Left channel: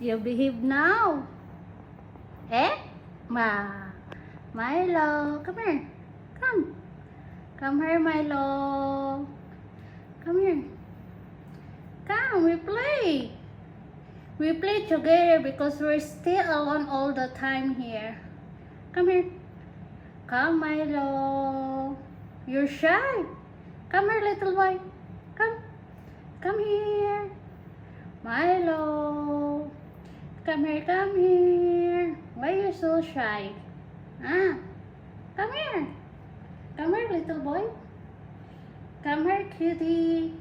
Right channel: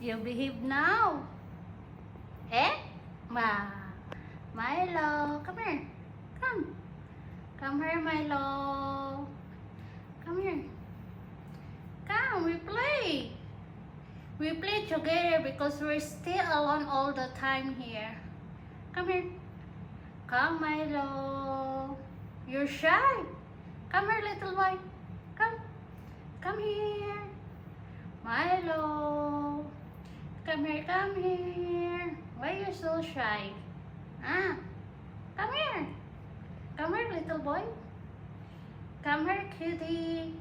You behave now. Eh? Milo, come here. Come. Come here, Milo. Come here. Come, we play. We play together because we're still alone all the time here. Come here. Come, Milo. You're shy. Come here, little boy. Come. Come here. Milo. Come here, come here. Why are you so shy? Ah, come here. Come here, little boy. Come here, cutie.